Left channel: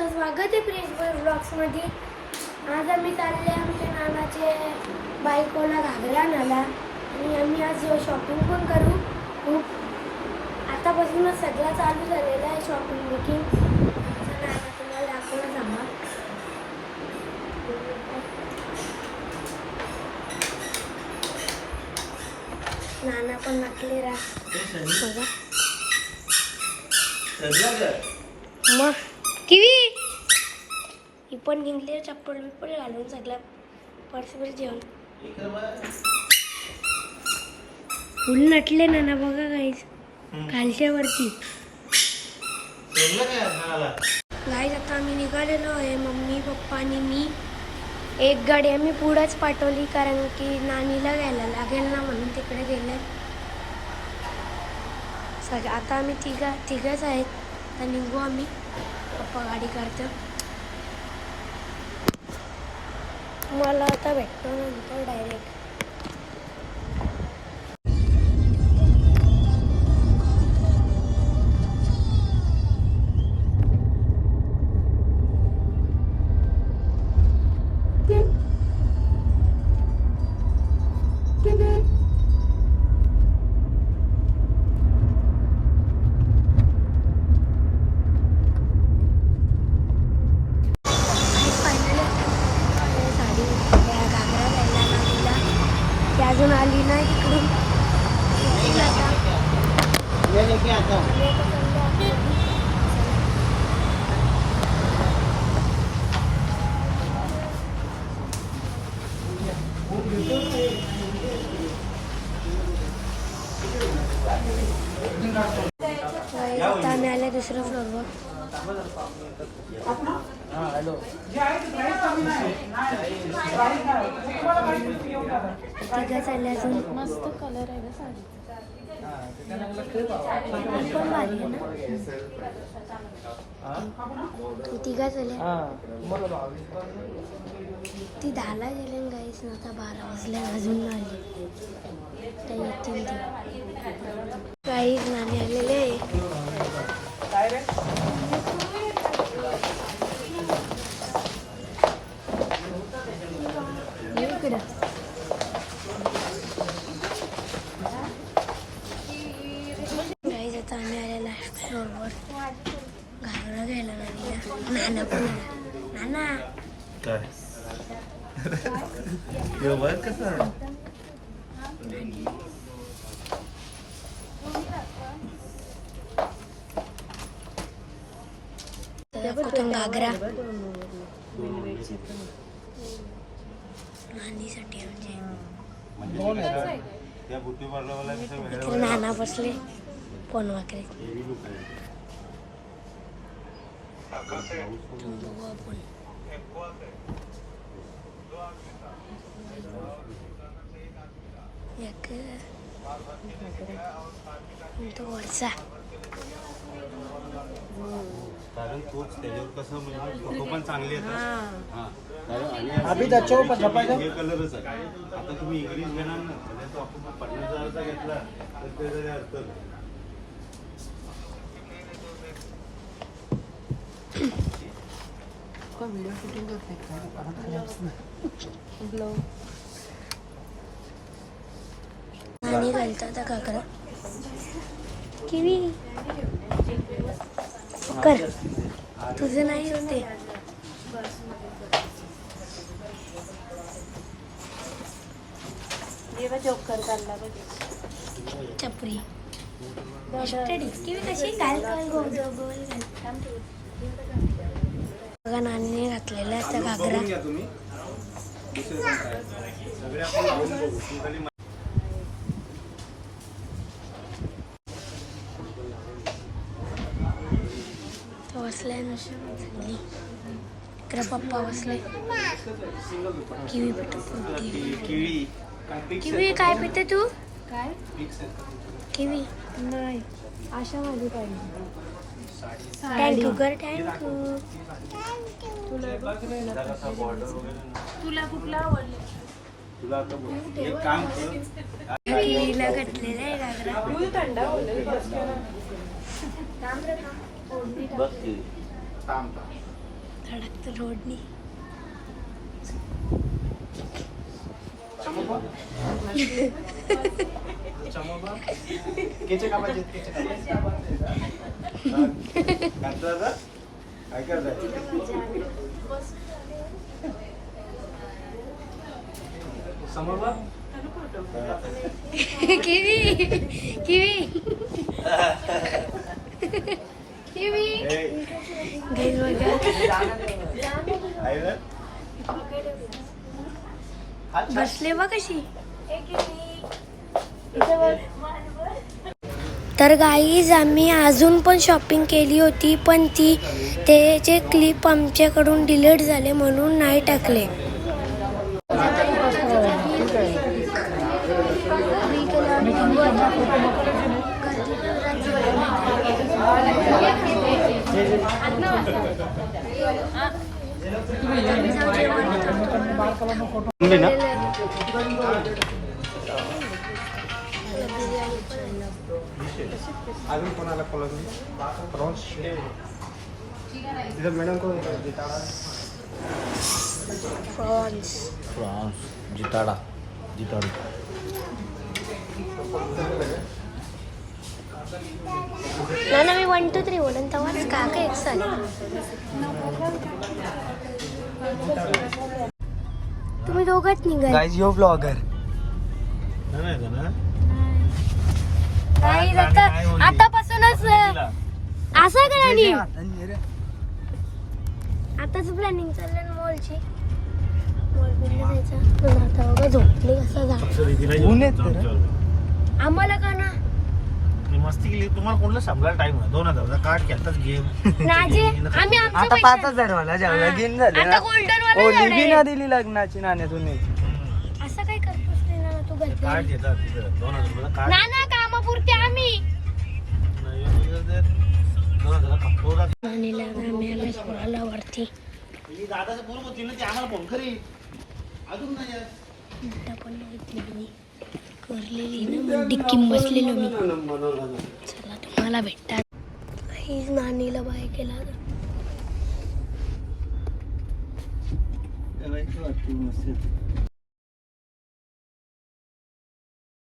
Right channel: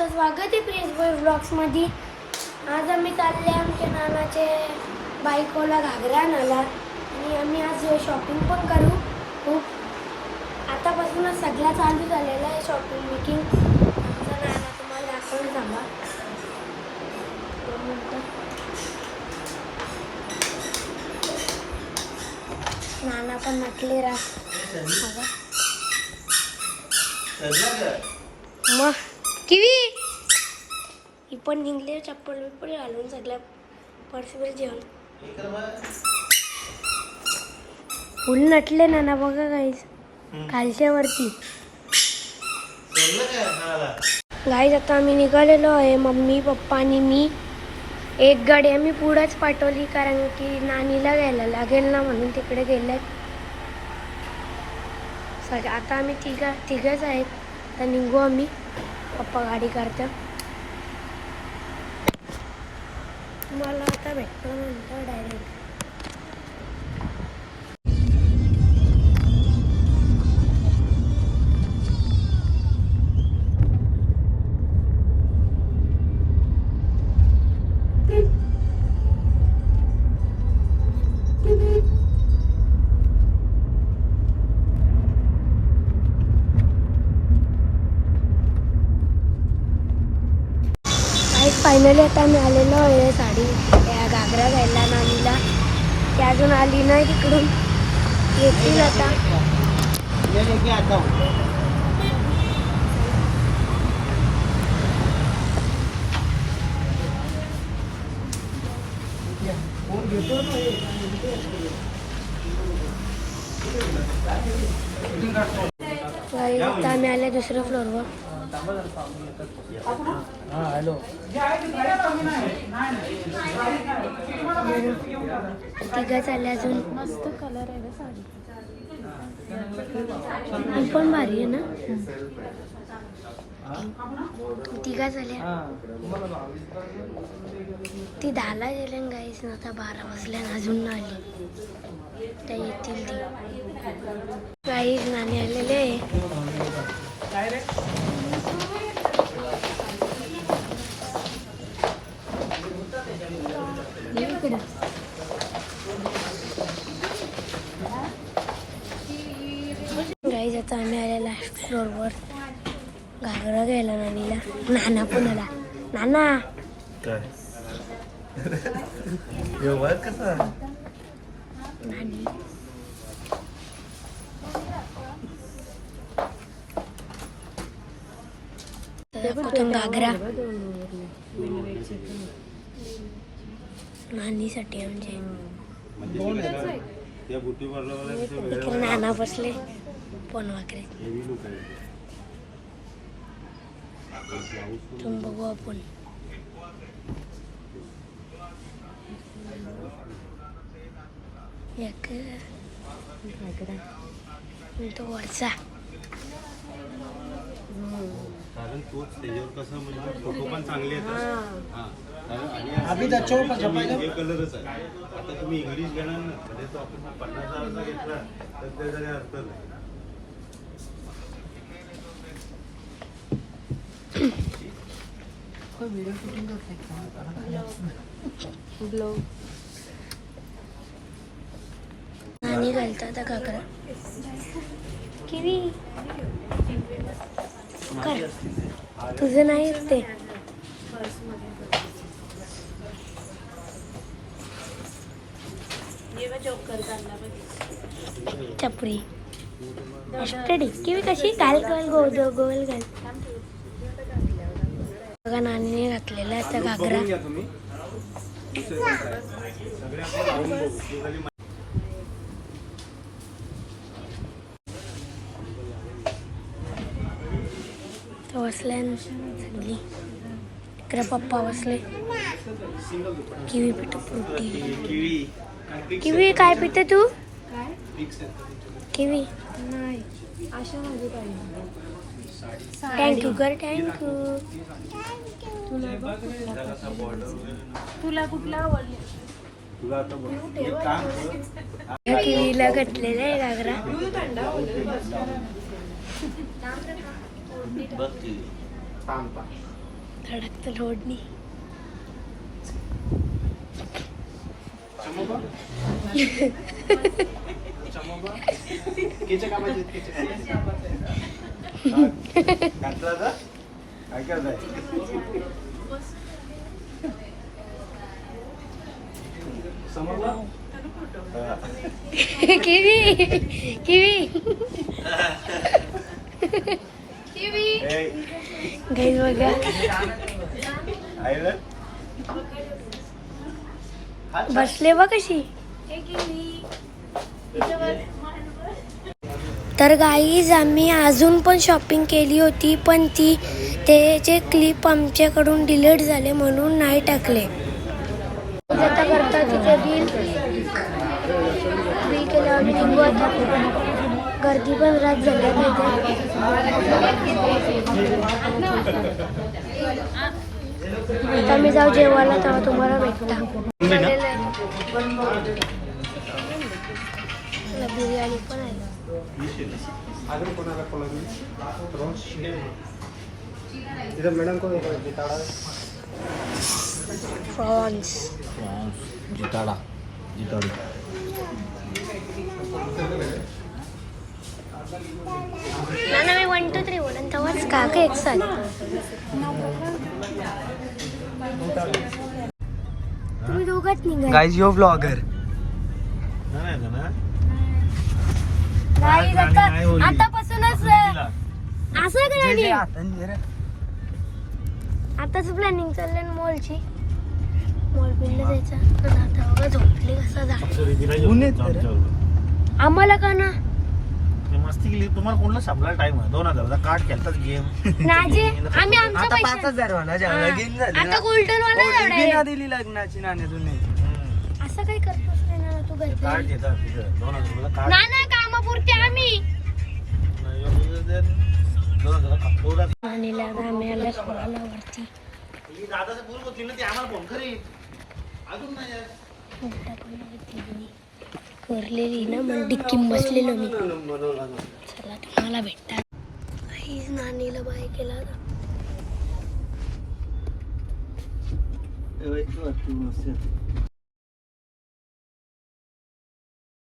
तुमचं स्वागत आहे प्रिन्स बॉय ब्लॉग्समध्ये. आज आम्ही चालले आमच्या नानाचे बायकोला घागरा आणायला आणि आम्ही आज शॉपिंग पण करू. खूप आतापासूनच सगळं चालू झालेलं आहे शॉपिंग बिकिंग आमचा नाना तुम्हाला दाखवून सांगा. नाना पण नकले राह मग. किवी? ही पण निघले चप्पल बिप्पल घालून सगळ्या पर्सवर जेवण फुल नटले ना ना बघा काहीच खालच्या वरती गाईज आता आम्ही निघालेलो आहे मम्मी पप्पा आणि मी. एक गाडी आम्ही पुढंच पाठवली कारण की नानीला घ्यायला लागेल ना म्हणून तिकडे गेलेत. सग आता आम्ही तिघा तिघच आहेत. तर निघू आम्ही. पप्पा गाडी काढतात. मला आता भेटतो नंतर डायरेक्ट ती अजून आली नाही तिकडून. येतील आता. आता आम्ही आल्या दुसऱ्या फ्लोअरवर तिघा चालले अजून. ही पण भारी आहे ना? तिघा चालल्या ती दहाला गेले गाईस ना आता बारा वाजल्या अजून ना आली. त्या येतील ती. गाईज नाणे आलेले. आहे ये इकडं गाईज आता आम्ही आले लास्ट फ्लोअरवर घागरा घ्यायला नानीला नाना पण आला नाना? काय? नानी तर कुठून घागरा. नानीसाठी म्हणजे. त्या बुटी पार्लरवाला इकडे नाना बसले फोन वाकरे तुम्ही बघू आपण. एक. तो वरचा. कारण तोच त्याच्यावर कसं म्हणजे फोटो पण चांगले येतात. हा हा. आणि अभी दच्चो पण हे हे कलरच आहे आता तुम्ही इंग्लिश घेणार ना म्हणजे तो आपण पन्नास हजारचा घेतला तर ते जरी अर्थ नाही. आणि घालता आता काकडा किवी कर तुझं नाही ते चपरी. स्टडी किवी कशी? घाल गोल गोल गोल घाल. बघा नानीने घातलेला आहे त्या घागरा. तो बसलाय सगळी इकडे पप्पा बसले. किवी पिठ फ्रुटी किवी काय पिते तू? किवी. नाही अशामध्ये पाहिजे थँक्यू कर थँक्यू तुला कुठला आवडला तुला आता बघ, एक काम कर. ह्या किवीला घातलेला आहे घागरा. बघ की. धडकतं रोडनी घातलं तर काय करायचं किवी किवी. किवी. बघा आईला? बसले बा कशी तर गाईज आम्ही अजून पण शॉपिंग केली होती पण ती त्याचे क्लिप आमच्याकडून डिलीट झाले म्हणून नाही टाकले. गर्दी पण रात झाली आता मी जाऊ जेवायला तेव्हा तुम्हाला भेटता अजून कोणाला कॉलर प्रॉन्स तिथं मॅडम कोण प्रॉन्स जिताडा. जिताडू. ना ना मी वन टू थ्री बोलन तेव्हाच का का एक साथ तुम्ही दोघात निघा. गाईज यो ब्लॉगर नाही ना नाही आता आतापासूनच असं का नाही. आताच प्लॅनिंग चाललंय ना मॉलची मॉल बिलला जायचं पण आता बघा झोपले कसा जा ऊन येत तर. आम्हाला का ना? मस्ती केली. तुम्हाला कोणला सांभाळायला टाइम आहे दोन हजार कार्ड घेतात गेम आम्ही आमच्या आता पाच हजार वाला ज्या. लगीन झाले आता golden वाला दिली लग्नाची नाण्यातून. असं काय करतोस रे ना तू कार्ड घरचे? घेतात दोन हजार कार्ड ना ना दादाचं ती आम्हाला फोन अजून नाही पण मी करलेली ना मग डिक्कीम बसलेलो मी. चला तुम्हाला भेटतात हीच नानीला बाय केला ना